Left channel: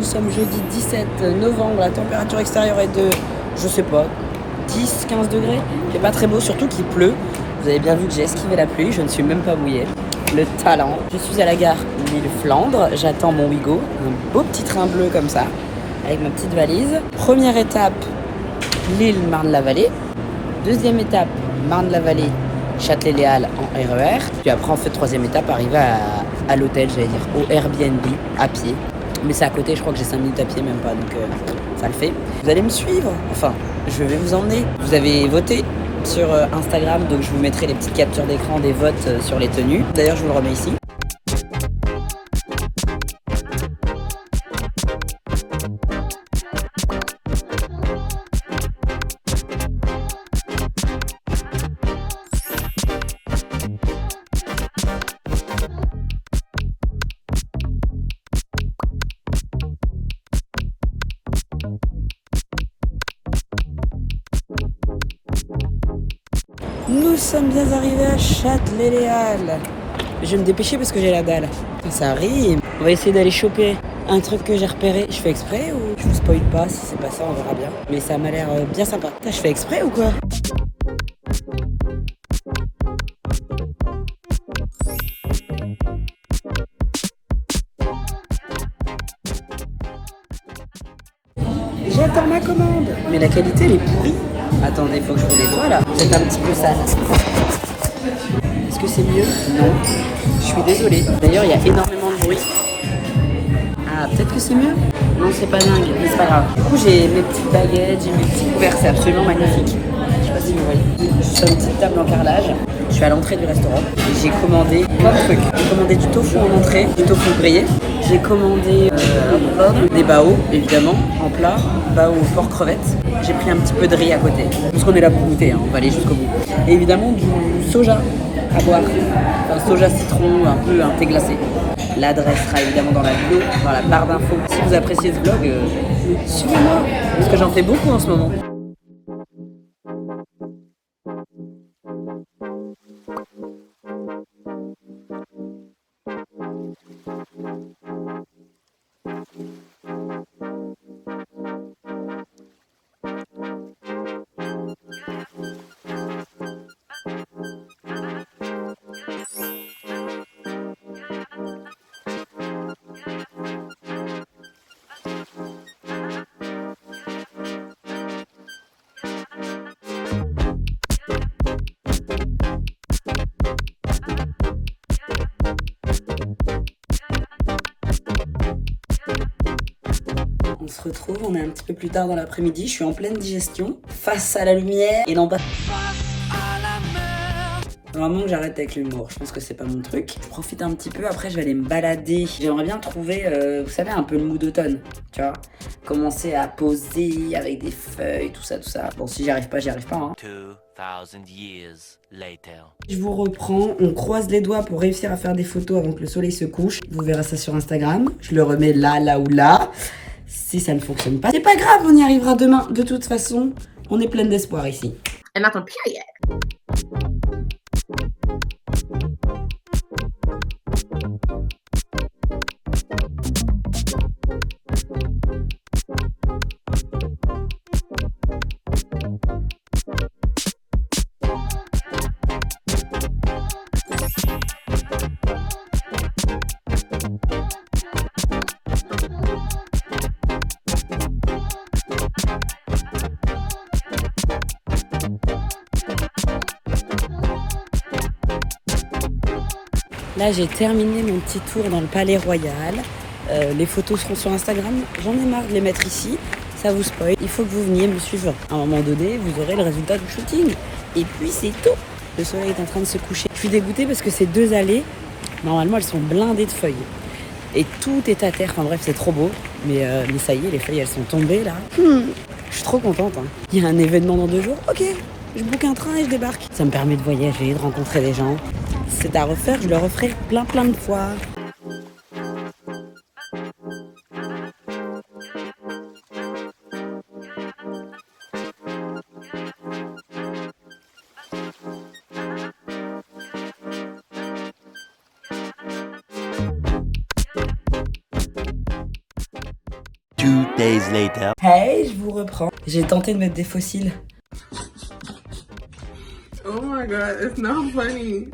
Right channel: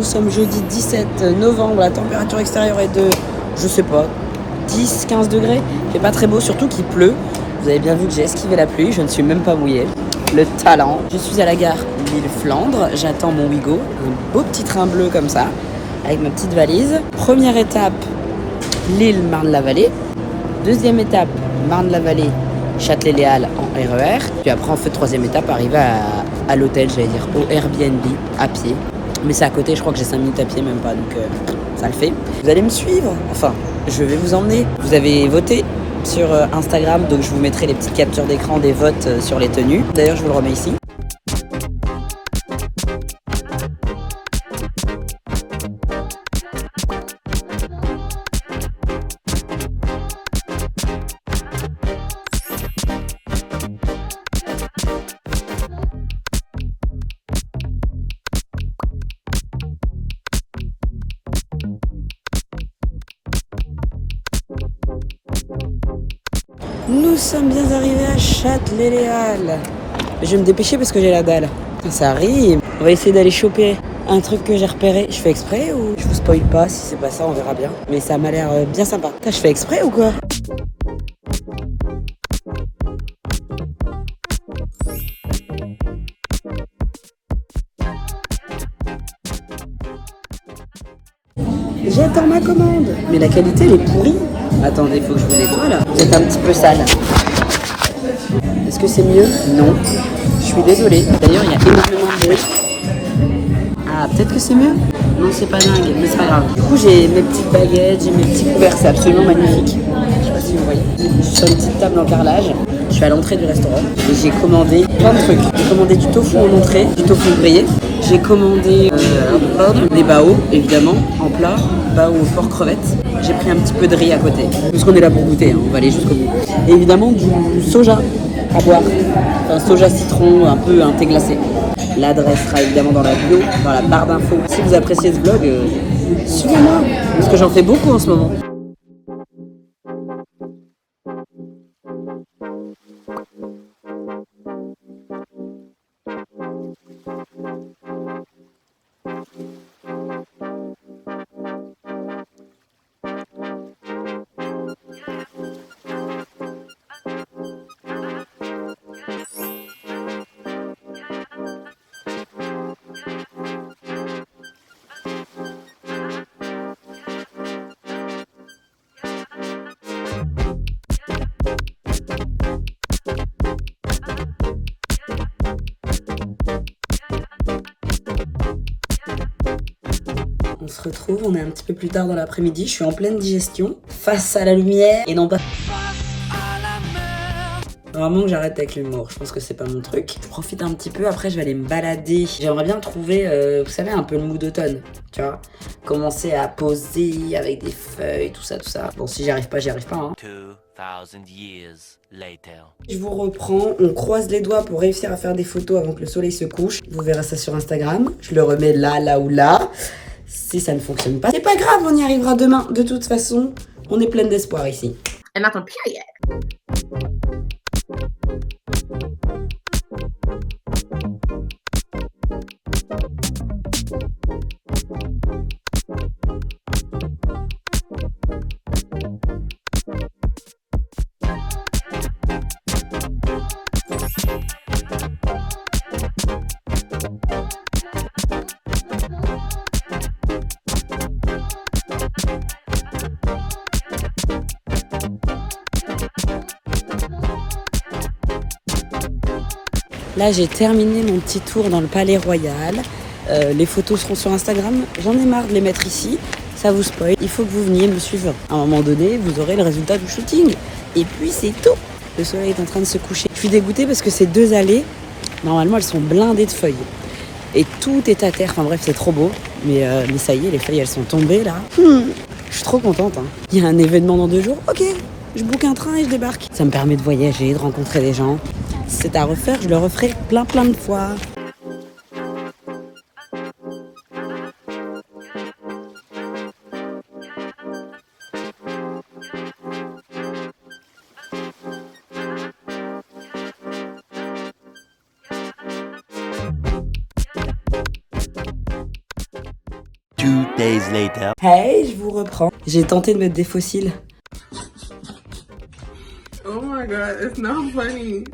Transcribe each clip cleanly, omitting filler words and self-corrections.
Nous sommes jeudi 17 novembre, la température extérieure est de, je sais pas, 10-15 degrés. C'est pas très beau, surtout qu'il pleut. Vous avez bien vu que j'ai esquivé la pluie, je ne suis même pas mouillée. Le talent. Je suis à la gare Lille-Flandre, j'attends mon Ouigo, un beau petit train bleu comme ça, avec ma petite valise. Première étape, Lille-Marne-la-Vallée. Deuxième étape, Marne-la-Vallée, Châtelet-Les Halles en RER. Puis après, en fait, troisième étape, arriver à l'hôtel, j'allais dire, au Airbnb, à pied. Mais c'est à côté, je crois que j'ai 5 minutes à pied, même pas, donc ça le fait. Vous allez me suivre, enfin, je vais vous emmener. Vous avez voté sur Instagram, donc je vous mettrai les petites captures d'écran des votes sur les tenues. D'ailleurs, je vous le remets ici. Nous sommes bien arrivés à Châtelet-Les Halles. Je vais me dépêcher parce que j'ai la dalle. Ça rime. On va essayer d'aller choper un truc que j'ai repéré. Je fais exprès ou je vous spoil pas? Si c'est pas ça, on verra bien. Mais ça m'a l'air bien sympa. Putain, je fais exprès ou quoi? J'attends ma commande. Mais la qualité, elle est pourrie. Attendez, il faut que je vous nettoie là. Vous êtes un petit peu sale. Est-ce que c'est mieux? Non. Je suis désolée. D'ailleurs, il y a énormément de bruit. Ah, peut-être que c'est mieux? Non, c'est pas dingue, mais c'est pas grave. Du coup, j'ai mes petites baguettes, j'ai mes petits couverts. C'est absolument magnifique. Je sais pas si vous voyez. Je suis sur une petite table en carrelage. Je suis à l'entrée du restaurant et j'ai commandé plein de trucs. J'ai commandé du tofu en entrée, du tofu grillé. J'ai commandé des bao, évidemment, en plat, bao au porc crevette. J'ai pris un petit peu de riz à côté. Parce qu'on est là pour goûter, hein, on va aller jusqu'au bout. Et évidemment, du soja à boire. Enfin, soja citron, un peu un thé glacé. L'adresse sera évidemment dans la bio, dans la barre d'infos. Si vous appréciez ce vlog, suivez-moi. Parce que j'en fais beaucoup en ce moment. On se retrouve, on est un petit peu plus tard dans l'après-midi, je suis en pleine digestion, face à la lumière, et non pas... Vraiment que j'arrête avec l'humour, je pense que c'est pas mon truc. Je profite un petit peu, après je vais aller me balader. J'aimerais bien trouver, vous savez, un peu le mood d'automne, tu vois. Commencer à poser avec des feuilles, tout ça, tout ça. Bon, si j'y arrive pas, hein. 2000 years later. Je vous reprends, on croise les doigts pour réussir à faire des photos avant que le soleil se couche. Vous verrez ça sur Instagram, je le remets là ou là. Si ça ne fonctionne pas, c'est pas grave, on y arrivera demain. De toute façon, on est plein d'espoir ici. And that's on period. Là, j'ai terminé mon petit tour dans le Palais Royal. Les photos seront sur Instagram. J'en ai marre de les mettre ici. Ça vous spoil. Il faut que vous veniez me suivre. À un moment donné, vous aurez le résultat du shooting. Et puis, c'est tout. Le soleil est en train de se coucher. Je suis dégoûtée parce que ces 2 allées, normalement, elles sont blindées de feuilles. Et tout est à terre. Enfin bref, c'est trop beau. Mais ça y est, les feuilles, elles sont tombées là. Je suis trop contente. Hein. Il y a un événement dans 2 jours. Ok, je book un train et je débarque. Ça me permet de voyager, de rencontrer des gens. Si c'est à refaire, je le referai plein de fois. days later. Hey, je vous reprends. J'ai tenté de mettre des fossiles. Oh my god, it's not funny.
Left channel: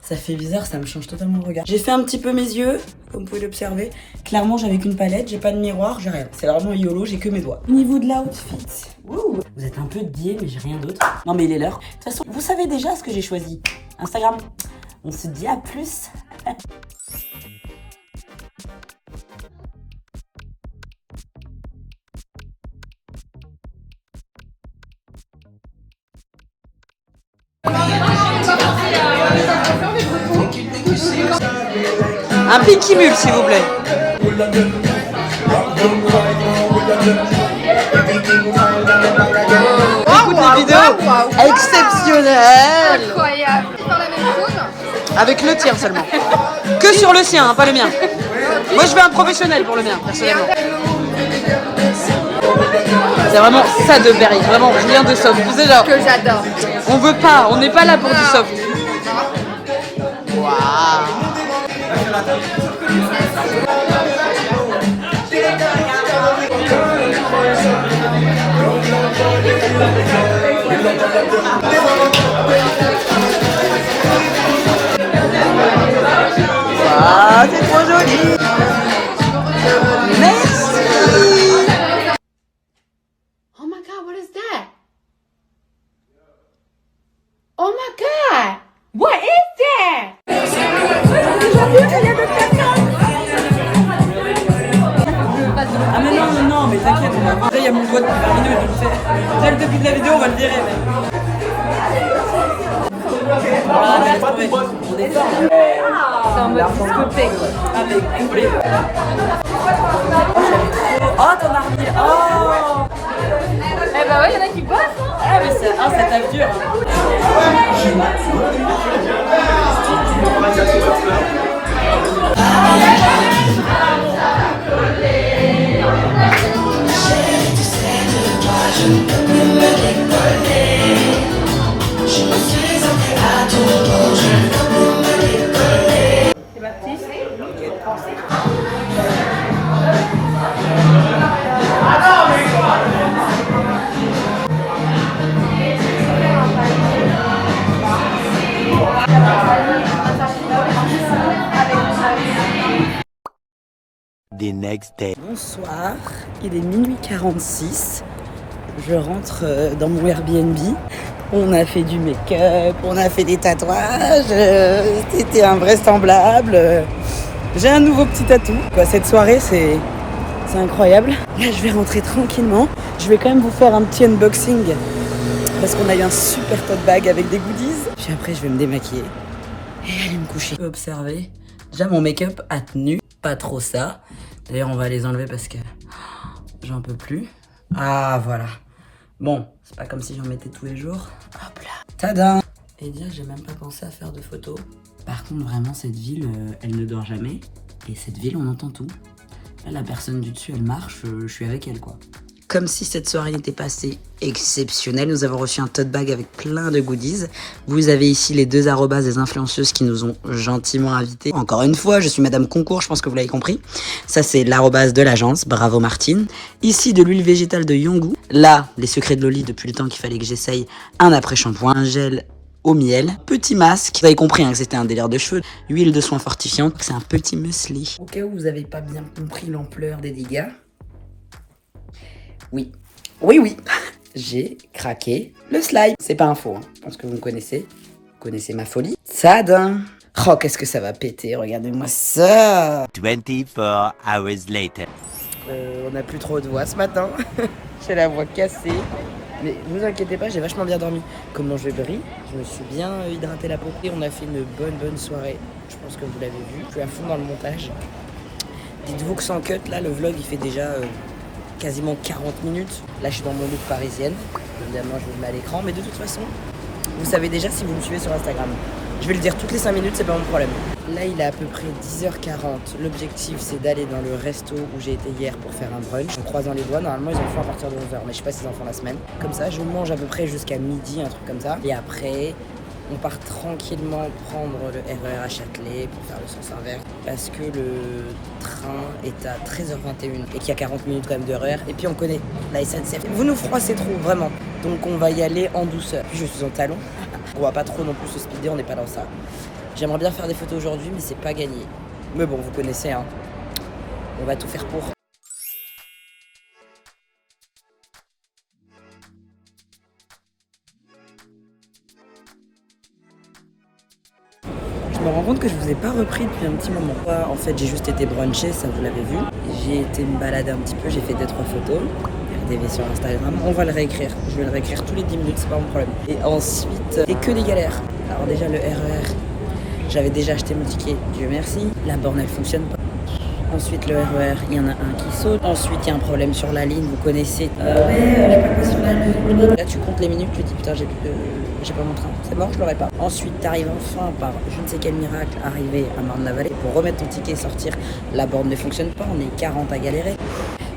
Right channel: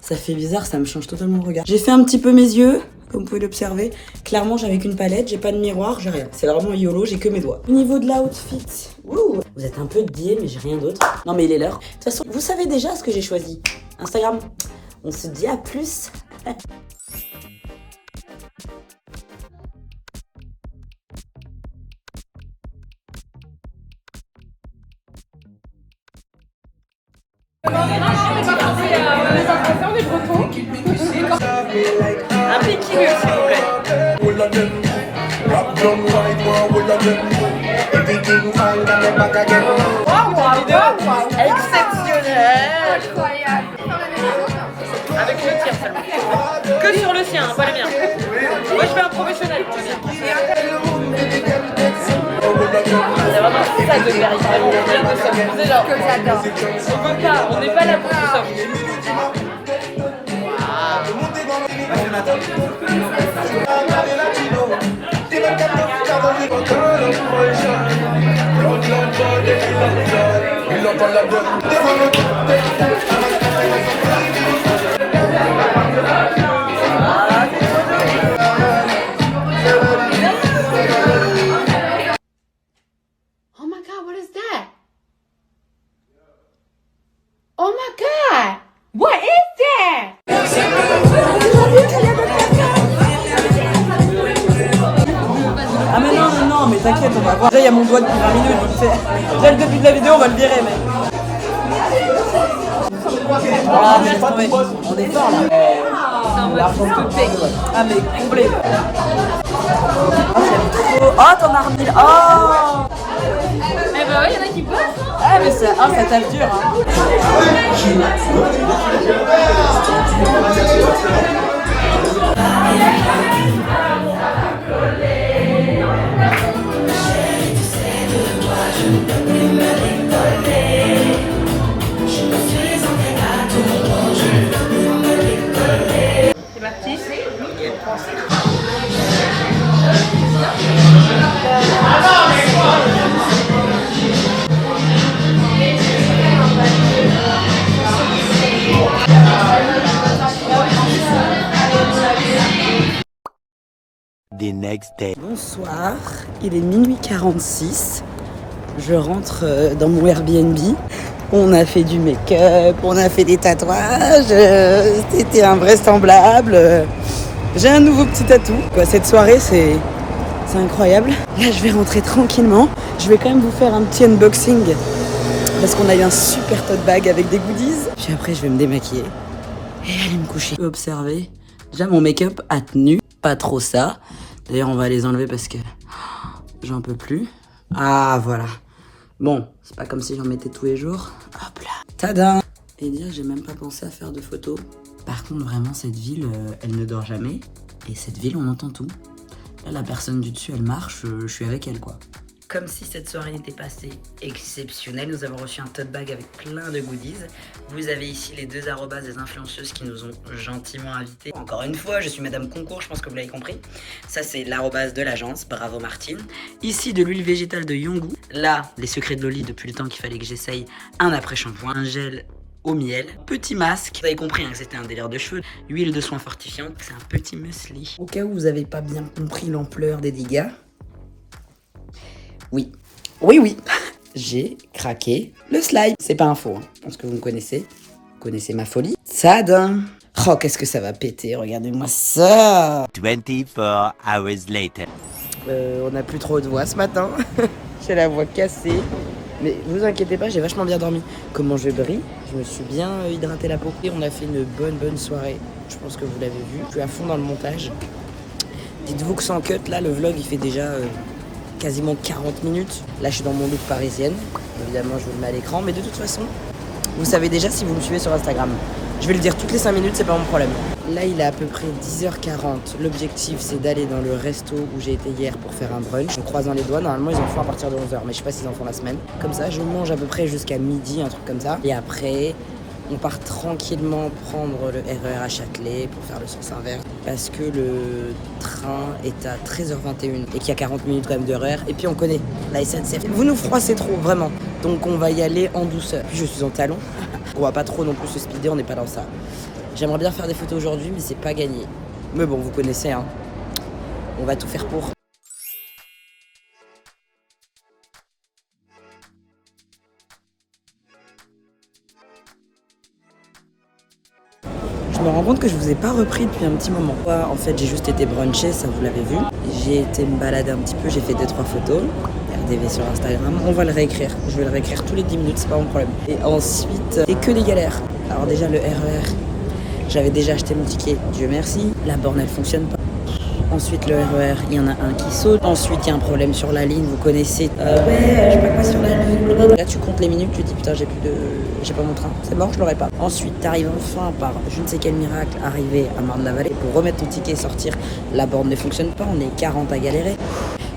Ça fait bizarre, ça me change totalement le regard. J'ai fait un petit peu mes yeux, comme vous pouvez l'observer. Clairement, j'avais qu'une palette, j'ai pas de miroir, j'ai rien. C'est vraiment YOLO, j'ai que mes doigts. Au niveau de l'outfit, vous êtes un peu biais, mais j'ai rien d'autre. Non mais il est l'heure. De toute façon, vous savez déjà ce que j'ai choisi. Instagram. On se dit à plus. Un Picky Mule, s'il vous plaît. Écoute les vidéos exceptionnelles. Avec le tien seulement. Que sur le sien, hein, pas le mien. Moi, je veux un professionnel pour le mien, personnellement. C'est vraiment ça de Berry, vraiment rien de soft. Vous savez, genre, Que j'adore. on veut pas, on n'est pas là pour du soft. Waouh. Ah, c'est trop joli. Merci. Oh my god, what is that? Oh my god, what is that? Ah mais non, mais t'inquiète, on va voir. Déjà, il y a mon doigt depuis 20 minutes. Déjà, le début de la vidéo, on va le virer, mais... Ah, mais laisse tomber. On est fort, là. Ah, mais complet. Oh, t'en as remis. Oh. Eh ben ouais, il y en a qui passent. Ah, mais ça tape dur, hein. C'est parti. The next day. Bonsoir, il est minuit 46. Je rentre dans mon Airbnb. On a fait du make-up, on a fait des tatouages. C'était invraisemblable. J'ai un nouveau petit tatou. Cette soirée, c'est incroyable. Là, je vais rentrer tranquillement. Je vais quand même vous faire un petit unboxing parce qu'on a eu un super tote bag avec des goodies. Puis après, je vais me démaquiller et aller me coucher. Observez, déjà mon make-up a tenu, pas trop ça. D'ailleurs, on va les enlever parce que j'en peux plus. Ah, voilà. Bon, c'est pas comme si j'en mettais tous les jours. Hop là. Tadam. Et dire que j'ai même pas pensé à faire de photos. Par contre, vraiment, cette ville, elle ne dort jamais. Et cette ville, on entend tout. Là, la personne du dessus, elle marche, je suis avec elle, quoi. Comme si cette soirée n'était pas assez exceptionnelle, nous avons reçu un tote bag avec plein de goodies. Vous avez ici les deux arrobas des influenceuses qui nous ont gentiment invités. Encore une fois, je suis Madame Concours, je pense que vous l'avez compris. Ça, c'est l'arrobas de l'agence, bravo Martine. Ici, de l'huile végétale de Yongu. Là, les secrets de Loli, depuis le temps qu'il fallait que j'essaye un après-shampoing, un gel au miel, petit masque. Vous avez compris que c'était un délire de cheveux. Huile de soin fortifiante, c'est un petit muesli. Au cas où vous n'avez pas bien compris l'ampleur des dégâts, oui, j'ai craqué le slime. C'est pas un faux, hein. Je pense que vous me connaissez. Vous connaissez ma folie. Tadam. Oh, qu'est-ce que ça va péter, regardez-moi ça. 24 hours later. On n'a plus trop de voix ce matin. J'ai la voix cassée. Mais vous inquiétez pas, j'ai vachement bien dormi. Comment je brille, je me suis bien hydraté la peau. Et on a fait une bonne soirée. Je pense que vous l'avez vu. Je suis à fond dans le montage. Dites-vous que sans cut, là, le vlog, il fait déjà... quasiment 40 minutes. Là, je suis dans mon look parisienne. Évidemment, je vous le mets à l'écran. Mais de toute façon, vous savez déjà si vous me suivez sur Instagram. Je vais le dire toutes les 5 minutes, c'est pas mon problème. Là, il est à peu près 10h40. L'objectif, c'est d'aller dans le resto où j'ai été hier pour faire un brunch. En croisant les doigts, normalement, ils en font à partir de 11h. Mais je sais pas s'ils en font la semaine. Comme ça, je mange à peu près jusqu'à midi, un truc comme ça. Et après, On part tranquillement prendre le RER à Châtelet pour faire le sens inverse parce que le train est à 13h21 et qu'il y a 40 minutes quand même de RER. Et puis on connaît la SNCF. Vous nous froissez trop, vraiment. Donc on va y aller en douceur. Puis je suis en talons. On va pas trop non plus se speeder, on n'est pas dans ça. J'aimerais bien faire des photos aujourd'hui, mais c'est pas gagné. Mais bon, vous connaissez, hein. On va tout faire pour. Je me rends compte que je vous ai pas repris depuis un petit moment. En fait, j'ai juste été bruncher, ça vous l'avez vu. J'ai été me balader un petit peu, j'ai fait 2-3 photos. Regardez-les sur Instagram. On va le réécrire. Je vais le réécrire tous les 10 minutes, c'est pas mon problème. Et ensuite, c'est que des galères. Alors déjà, le RER, j'avais déjà acheté mon ticket, Dieu merci. La borne, elle fonctionne pas. Ensuite, le RER, il y en a un qui saute. Ensuite, il y a un problème sur la ligne, vous connaissez. Je sais pas quoi sur la ligne. Là, tu comptes les minutes, tu te dis putain, j'ai pas mon train. C'est mort, je l'aurai pas. Ensuite, t'arrives enfin par je ne sais quel miracle, arriver à Marne-la-Vallée pour remettre ton ticket et sortir. La borne ne fonctionne pas, on est 40 à galérer.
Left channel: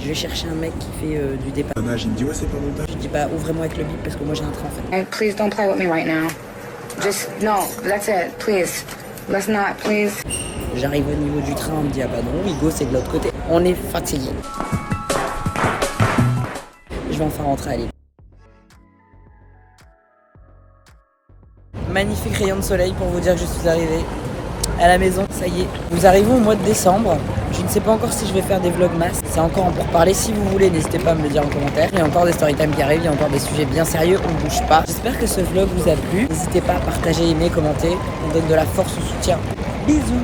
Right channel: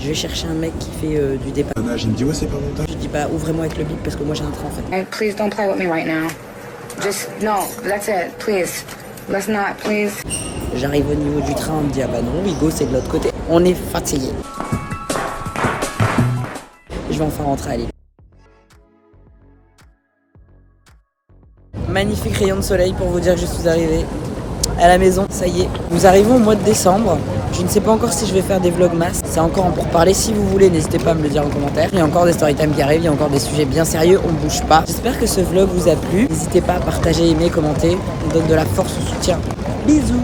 Je vais chercher un mec qui fait du départ. Il me dit ouais, c'est pas mon temps. Je dis bah ouvrez-moi avec le bip parce que moi j'ai un train en fait. Please don't play with me right now. Just, no, that's it, please. Let's not, please. J'arrive au niveau du train, on me dit ah bah non, Hugo c'est de l'autre côté. On est fatigué. Je vais enfin rentrer à l'île. Magnifique rayon de soleil pour vous dire que je suis arrivée à la maison. Ça y est, nous arrivons au mois de décembre. Je ne sais pas encore si je vais faire des vlogmas. C'est encore en pourparlers. Si vous voulez, n'hésitez pas à me le dire en commentaire. Il y a encore des storytime qui arrivent, il y a encore des sujets bien sérieux. On bouge pas. J'espère que ce vlog vous a plu. N'hésitez pas à partager, aimer, commenter. On donne de la force au soutien. Bisous.